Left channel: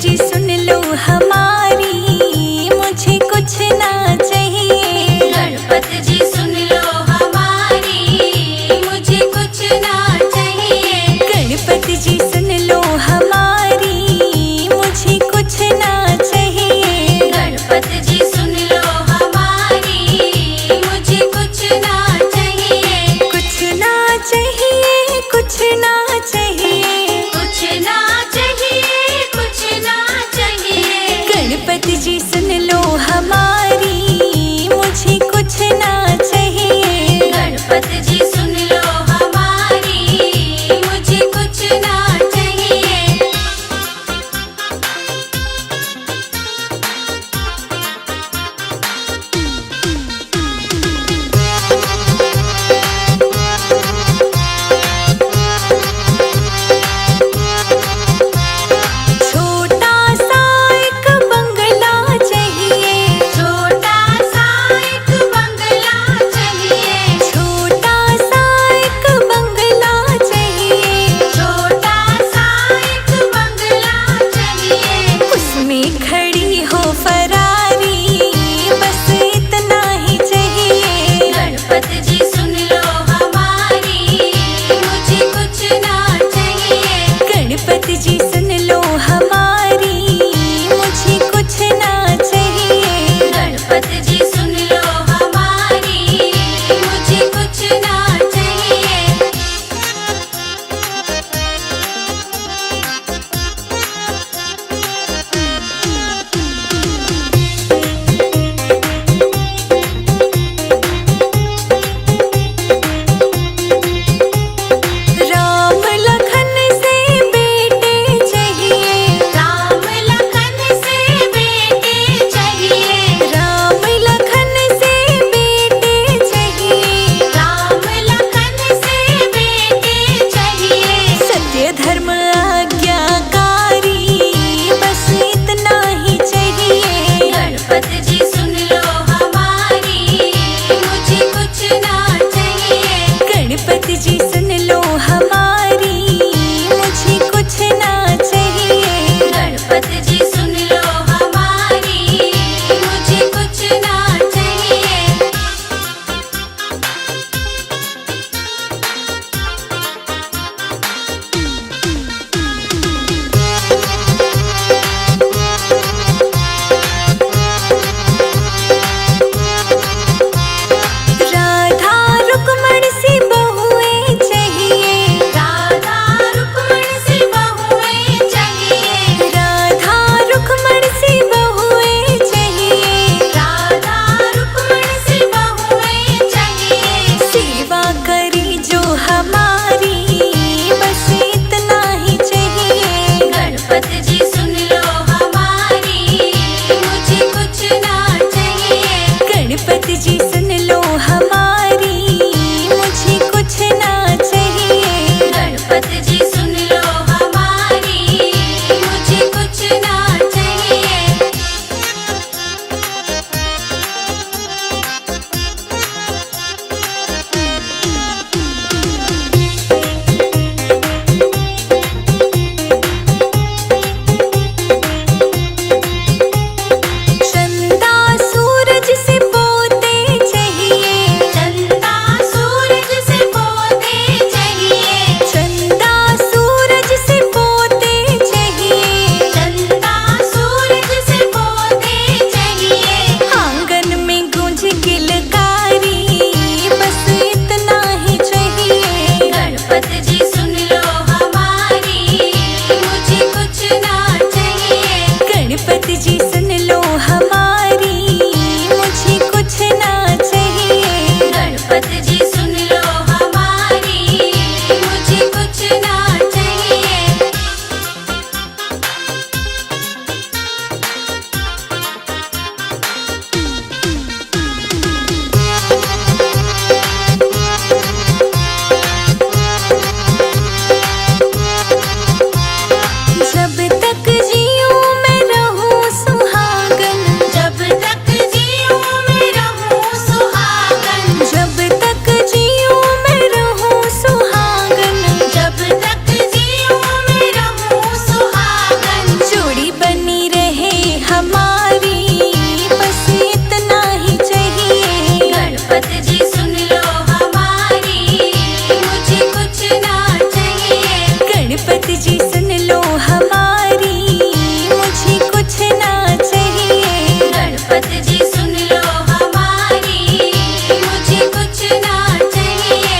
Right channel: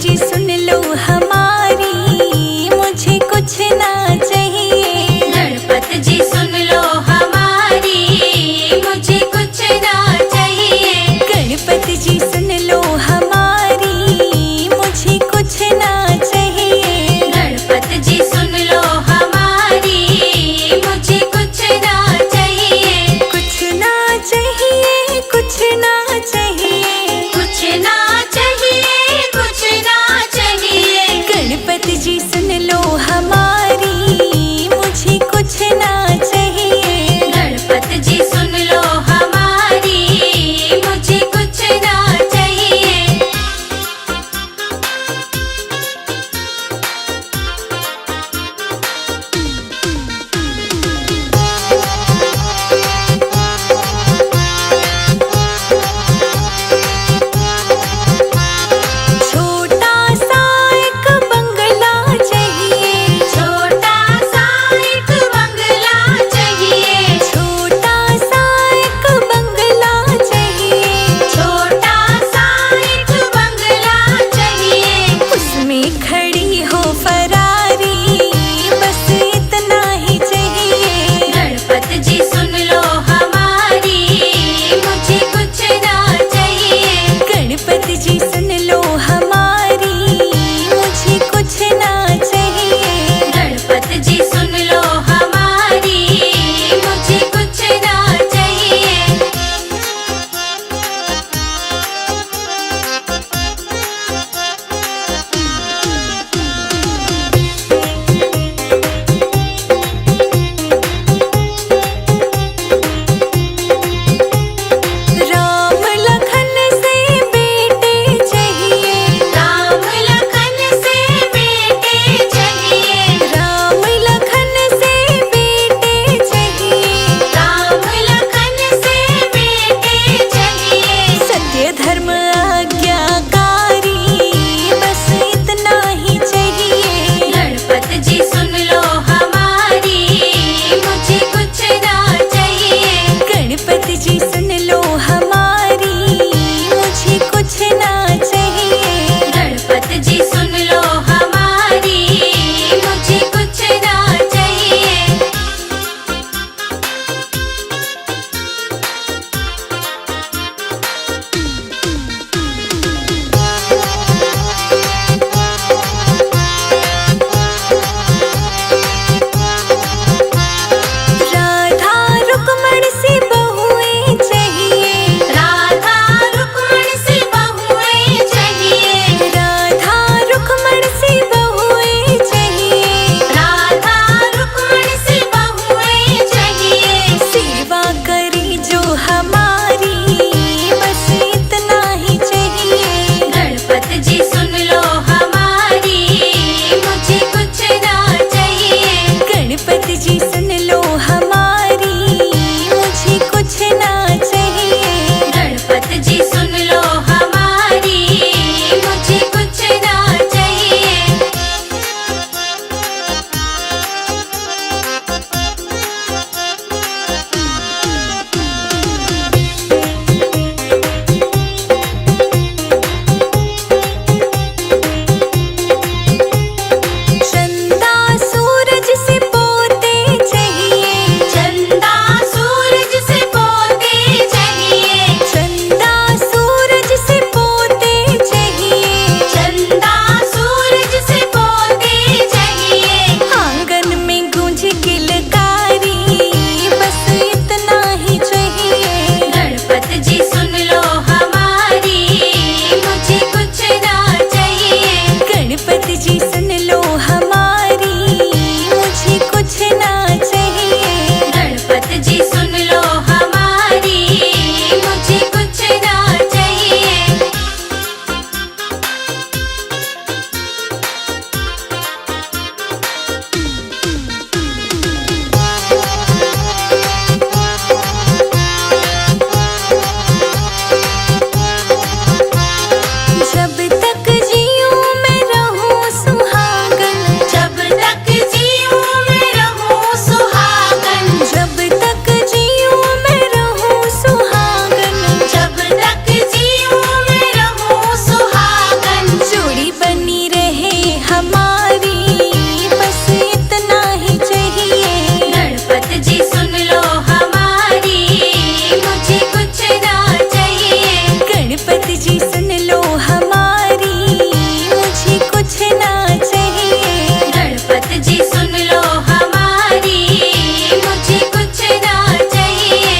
जी सुन लो हमारी, मुझे कुछ ना चाहिए। गणपति जी सुन लो हमारी, मुझे कुछ ना चाहिए। गणपति जी सुन लो हमारी, मुझे कुछ ना चाहिए। गणपति जी सुन लो हमारी, मुझे कुछ ना चाहिए। कुछ ना चाहिए, कुछ ना चाहिए, कुछ ना चाहिए, कुछ ना चाहिए। गणपति जी सुन लो हमारी, मुझे कुछ ना चाहिए। गणपति जी सुन लो हमारी, मुझे कुछ ना चाहिए। छोटा सा एक बंगला चाहिए। छोटा सा एक बंगला चाहिए। छोटा सा एक बंगला चाहिए। छोटा सा एक बंगला चाहिए। उसमें खड़ी हो फरारी, बस इतना ही चाहिए। गणपति जी सुन लो हमारी, मुझे कुछ ना चाहिए। गणपति जी सुन लो हमारी, मुझे कुछ ना चाहिए। गणपति जी सुन लो हमारी, मुझे कुछ ना चाहिए। राम लखन से बेटे चाहिए। राम लखन से बेटे चाहिए। राम लखन से बेटे चाहिए। राम लखन से बेटे चाहिए। सत्य धर्म आज्ञाकारी, बस इतना ही चाहिए। गणपति जी सुन लो हमारी, मुझे कुछ ना चाहिए। गणपति जी सुन लो हमारी, मुझे कुछ ना चाहिए। गणपति जी सुन लो हमारी, मुझे कुछ ना चाहिए। राधा रुक्मण सी बहुएं चाहिए। राधा रुक्मण सी बहुएं चाहिए। राधा रुक्मण सी बहुएं चाहिए। राधा रुक्मण सी बहुएं चाहिए। सेवा करी जो हमारी, बस इतना ही चाहिए। गणपति जी सुन लो हमारी, मुझे कुछ ना चाहिए। गणपति जी सुन लो हमारी, मुझे कुछ ना चाहिए। गणपति जी सुन लो हमारी, मुझे कुछ ना चाहिए। चंदा सूरज से पोते चाहिए। चंदा सूरज से पोते चाहिए। चंदा सूरज से पोते चाहिए। चंदा सूरज से पोते चाहिए। आंगन में गूंज किलकारी, बस इतना ही चाहिए। गणपति जी सुन लो हमारी, मुझे कुछ ना चाहिए। गणपति जी सुन लो हमारी, मुझे कुछ ना चाहिए। गणपति जी सुन लो हमारी, मुझे कुछ ना चाहिए। जब तक जीऊं मैं रहूं सुहागन। जब तक जीऊं मैं रहूं सुहागन। जब तक जीऊं मैं रहूं सुहागन। जब तक जीऊं मैं रहूं सुहागन। जोड़ी बन जी सुन लो हमारी, मुझे कुछ ना चाहिए। गणपति जी सुन लो हमारी, मुझे कुछ ना चाहिए।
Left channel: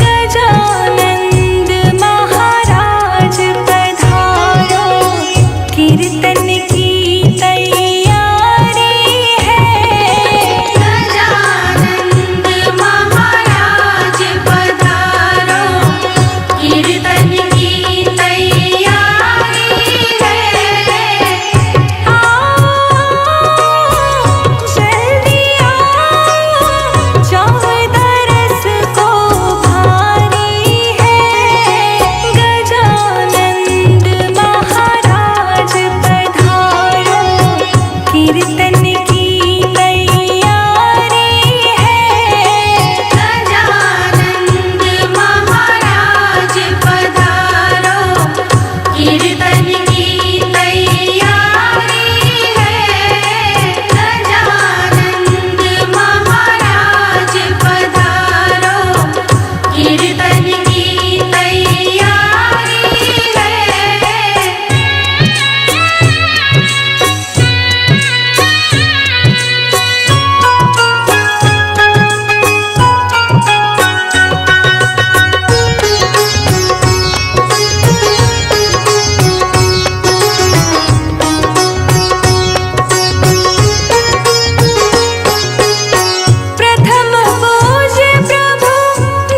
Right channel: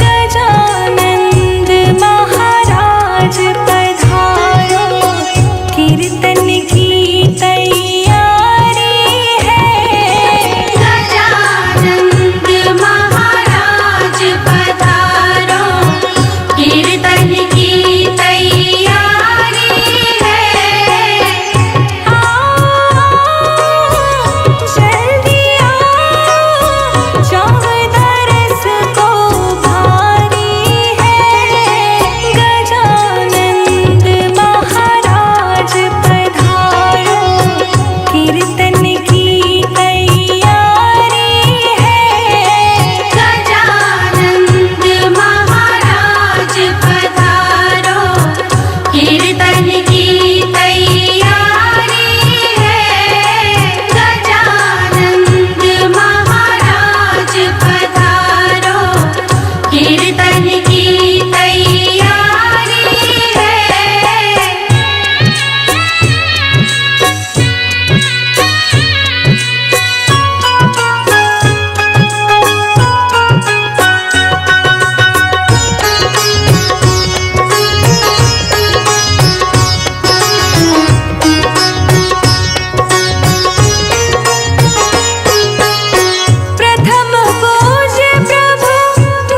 गजानंद महाराज पधारो, कीर्तन की तैयारी है। गजानंद महाराज पधारो, कीर्तन की तैयारी है। आओ जल्दी आओ, चौदह रस को भारी है। गजानंद महाराज पधारो, कीर्तन की तैयारी है। गजानंद महाराज पधारो, कीर्तन की तैयारी है। गजानंद महाराज पधारो, कीर्तन की तैयारी है। प्रथम पूज्य प्रभु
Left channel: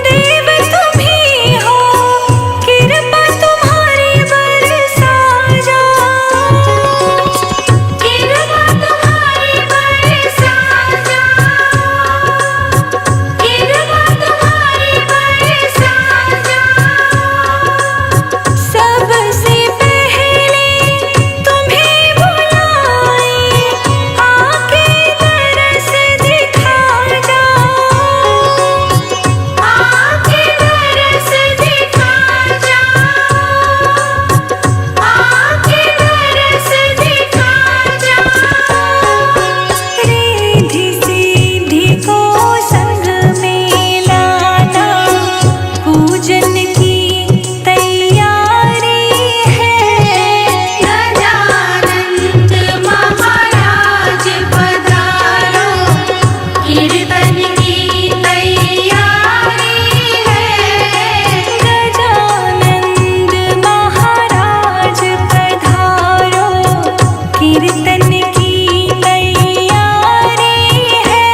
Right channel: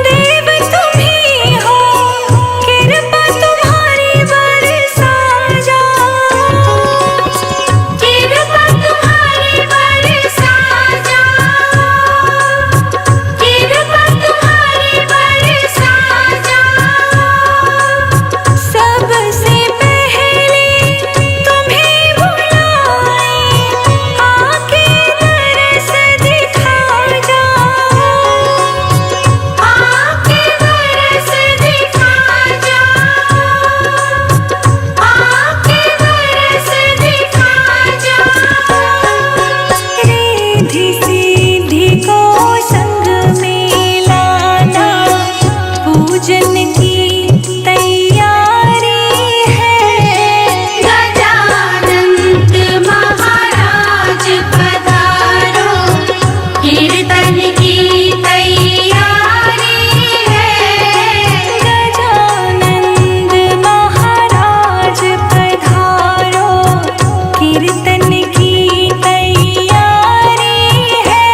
देव तुम ही हो, कृपा तुम्हारी बरसा जाओ। कृपा तुम्हारी बरसा जाओ, कृपा तुम्हारी बरसा जाओ। सबसे पहले तुम्हें बुलाए, आके तरस दिखा जाओ। आके दरस दिखा जाओ, आके दरस दिखा जाओ। रिद्धि सिद्धि को संग में लाना, पूजन की तैयारी है। गजानंद महाराज पधारो, कीर्तन की तैयारी है। गजानंद महाराज पधारो, कीर्तन की तैयारी है।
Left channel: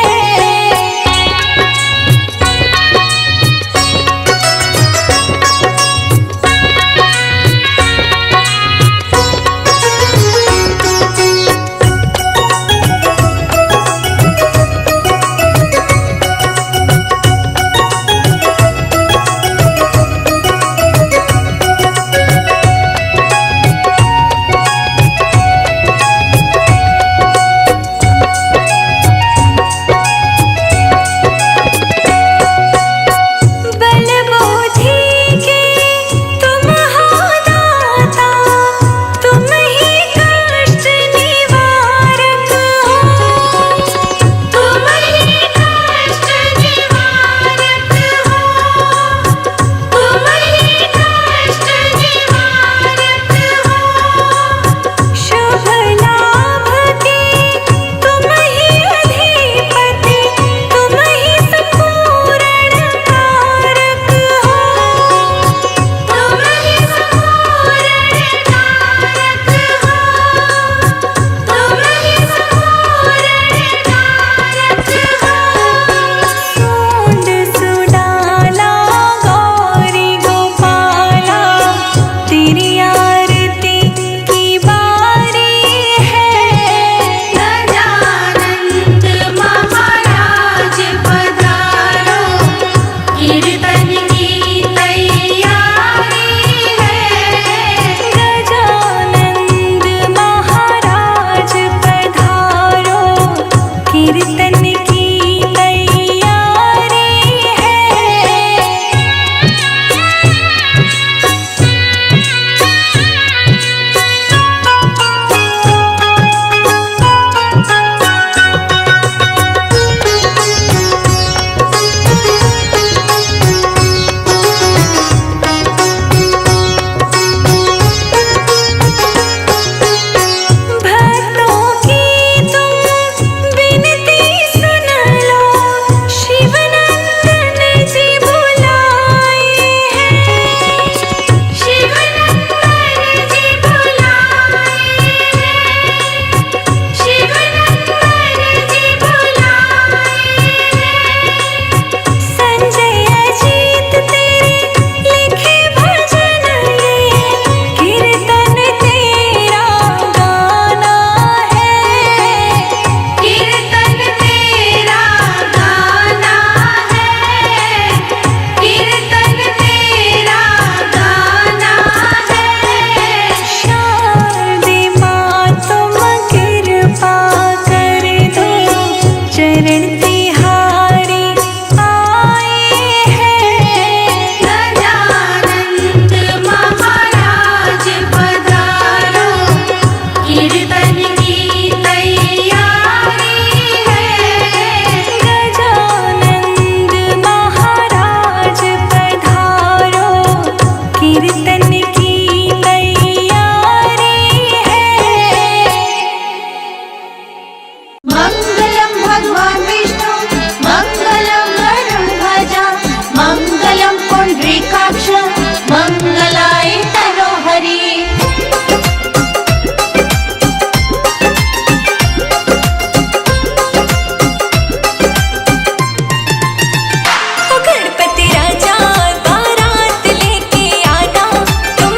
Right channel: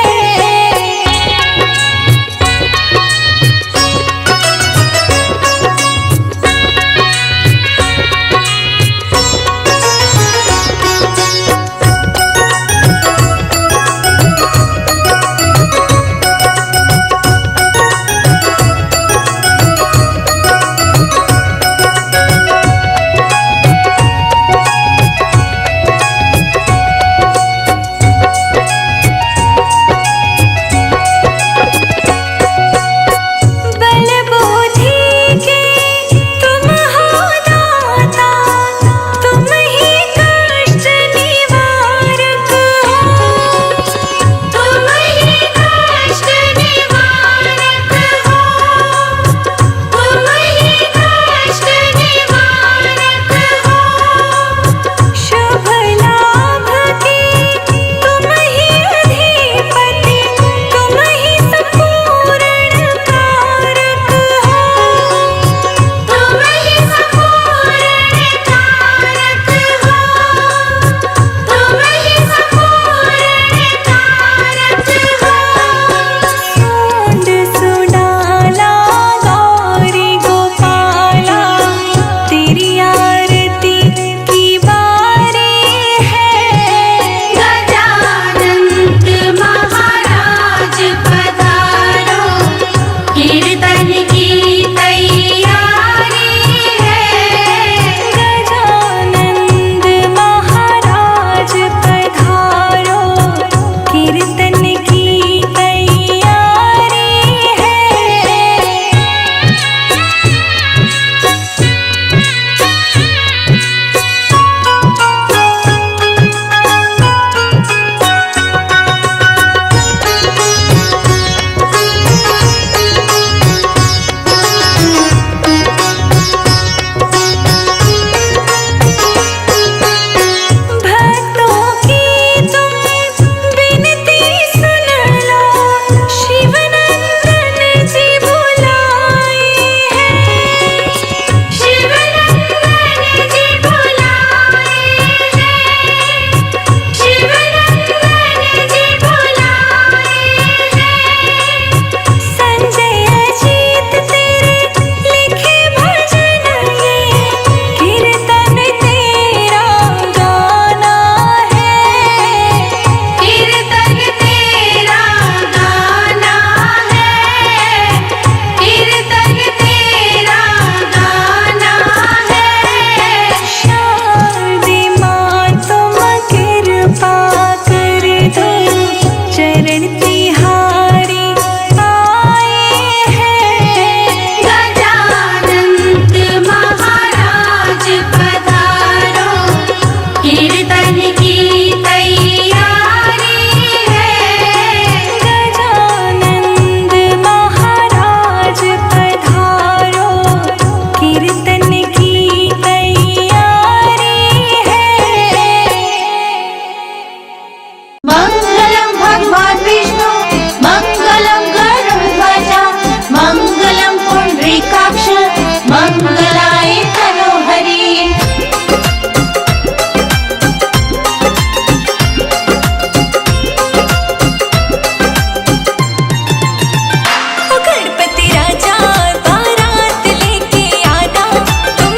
चरण तिहारे आए हैं। गजानंद महाराज पधारो, कीर्तन की तैयारी है। गजानंद महाराज पधारो, कीर्तन की तैयारी है। मंगलम भगवान विष्णु, मंगलम गरुड़ध्वजा, मंगलम पुंडरीकाक्ष, मंगलाय तनोहरि। ओ गणपति राजा बारात लेके आना, तुम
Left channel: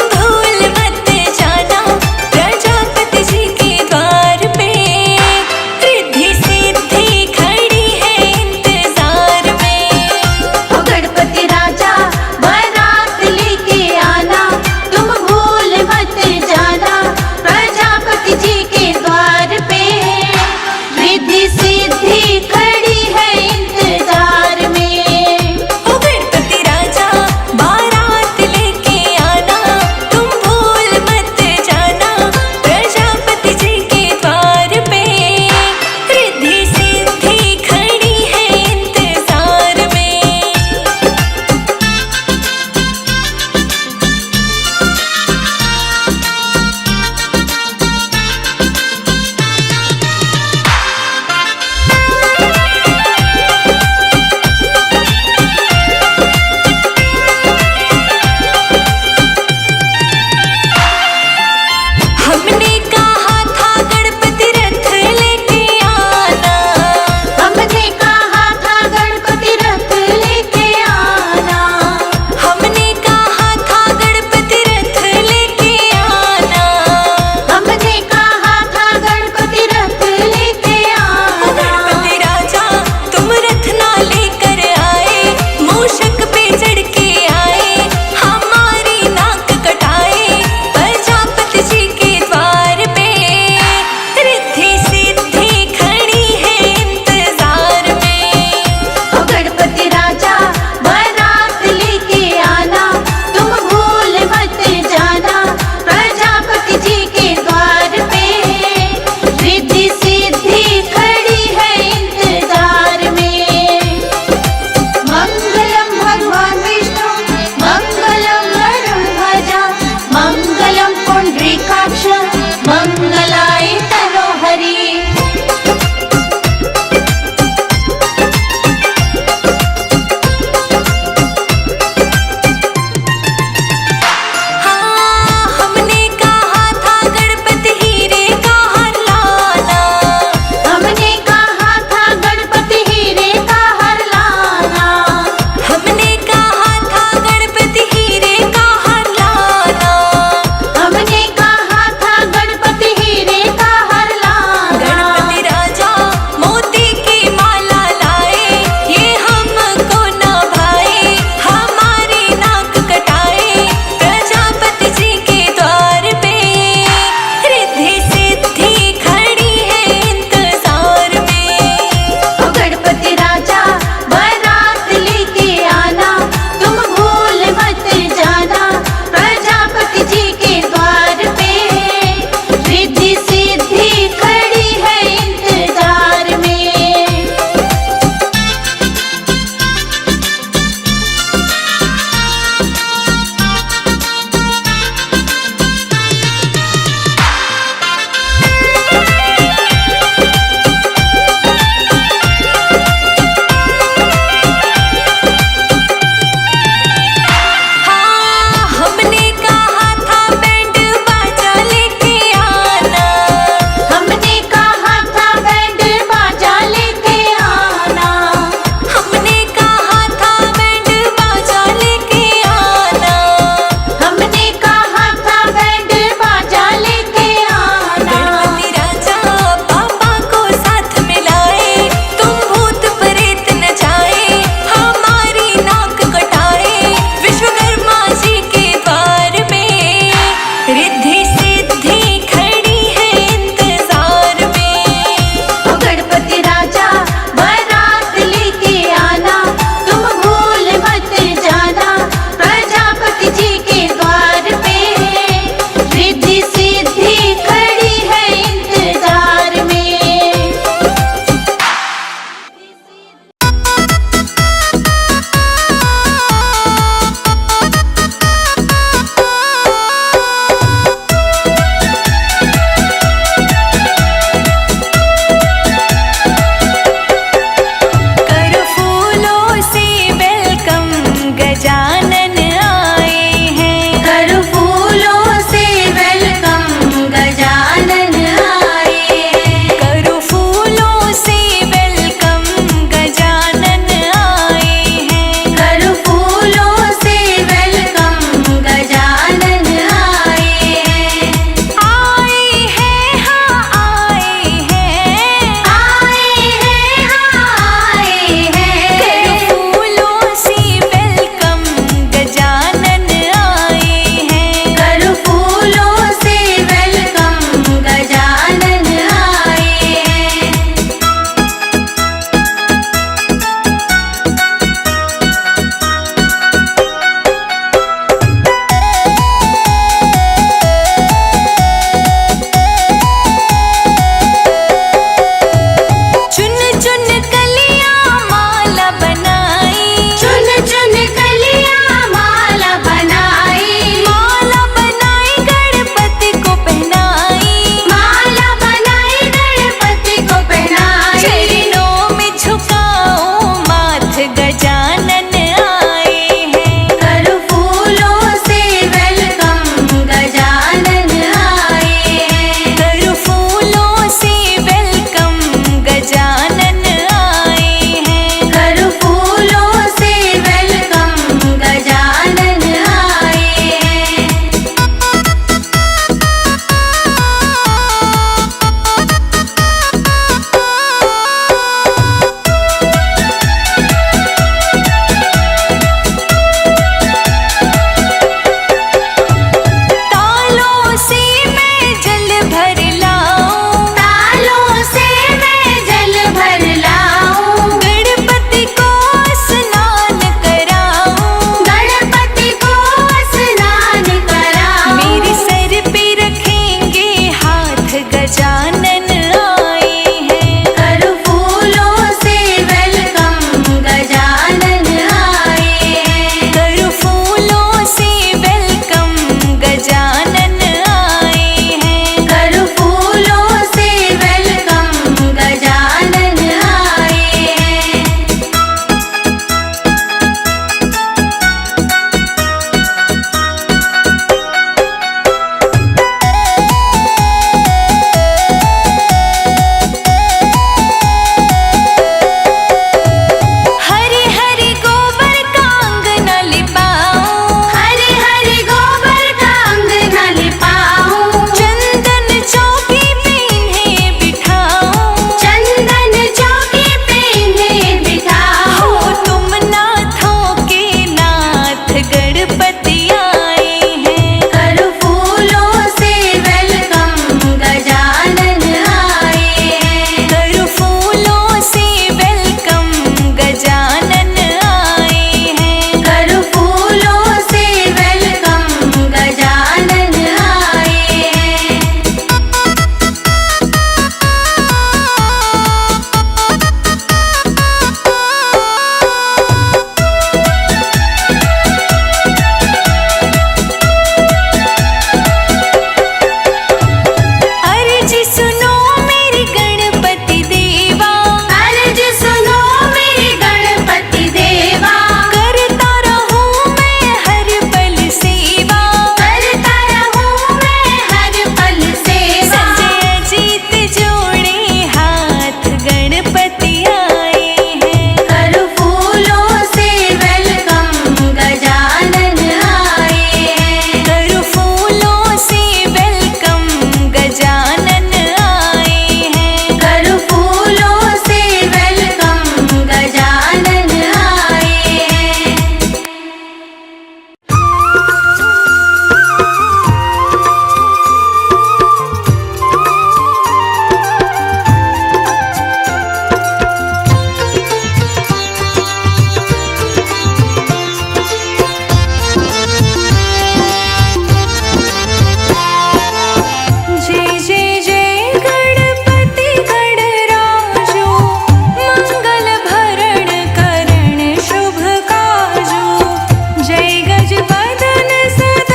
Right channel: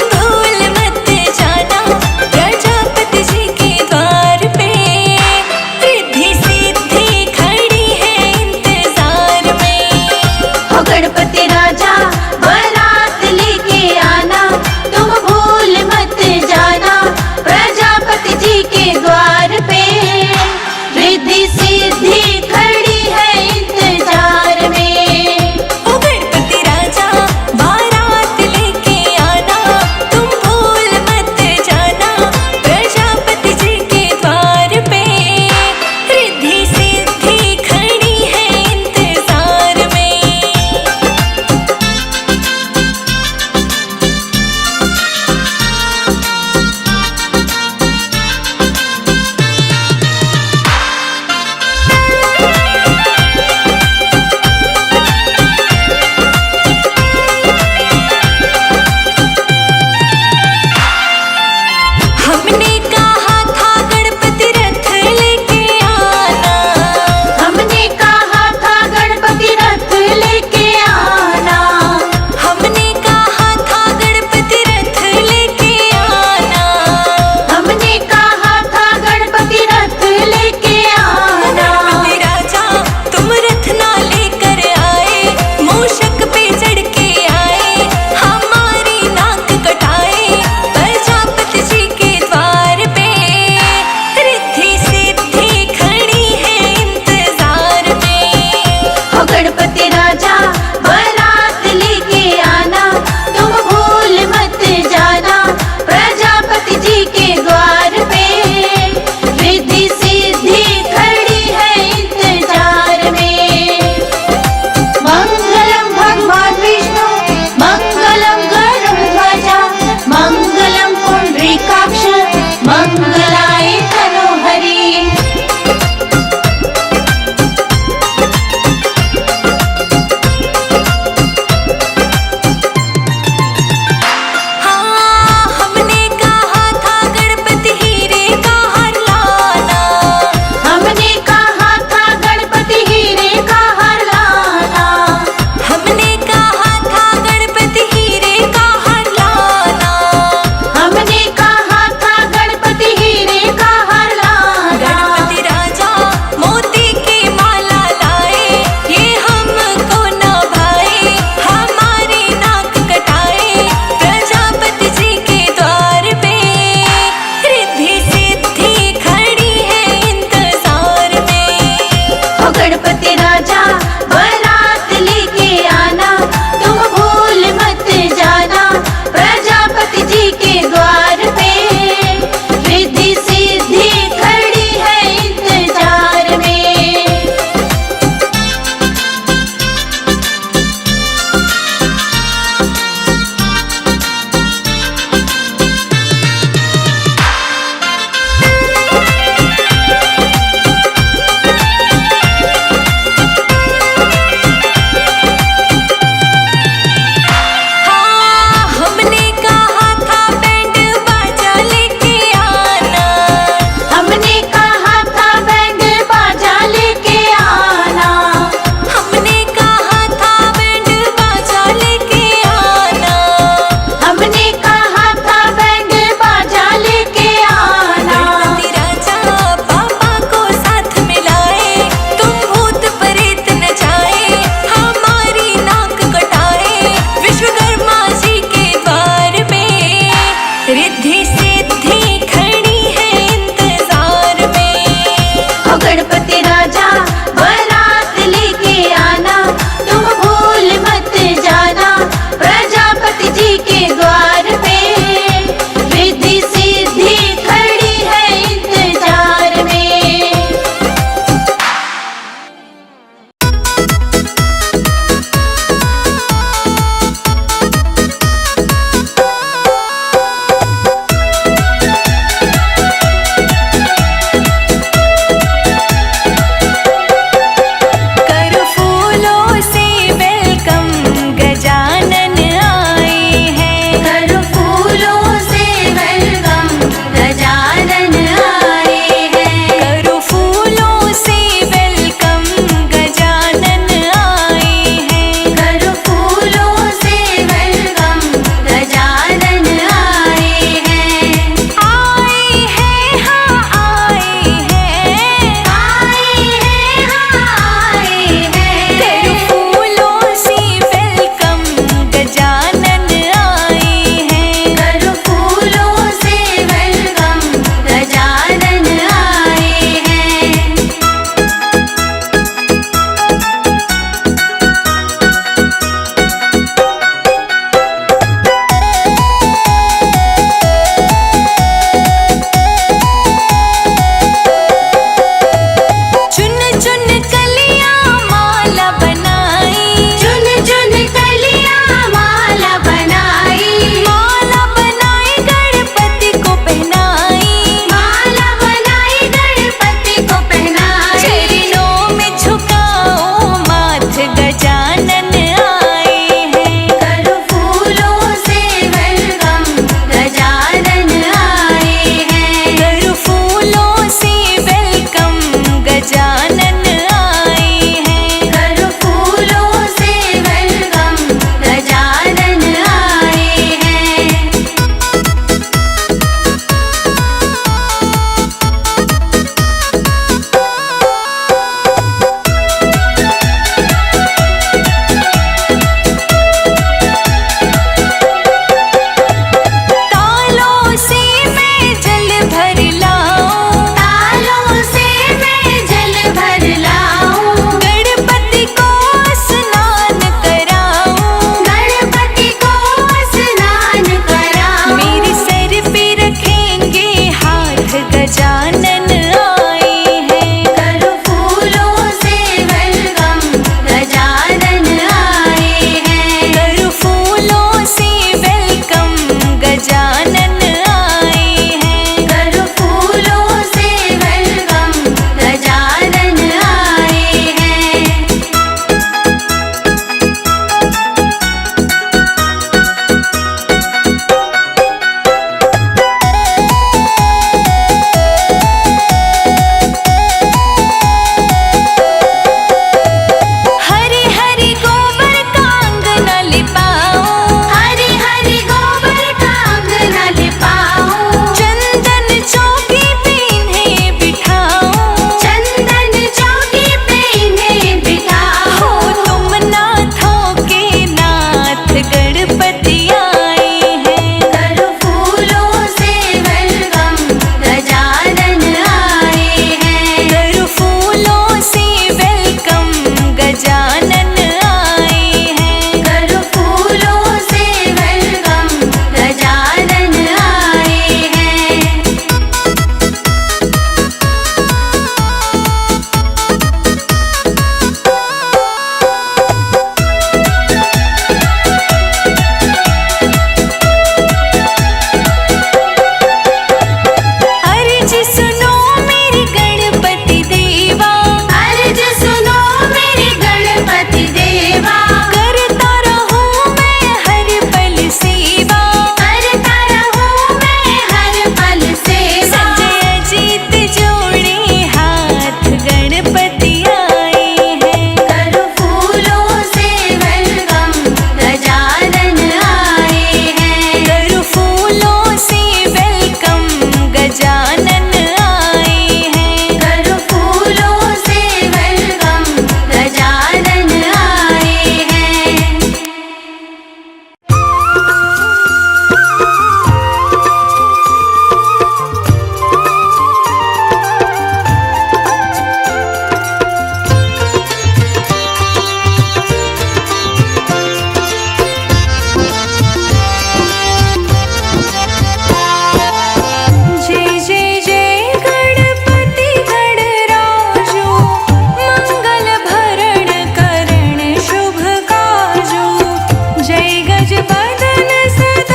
बदन सदा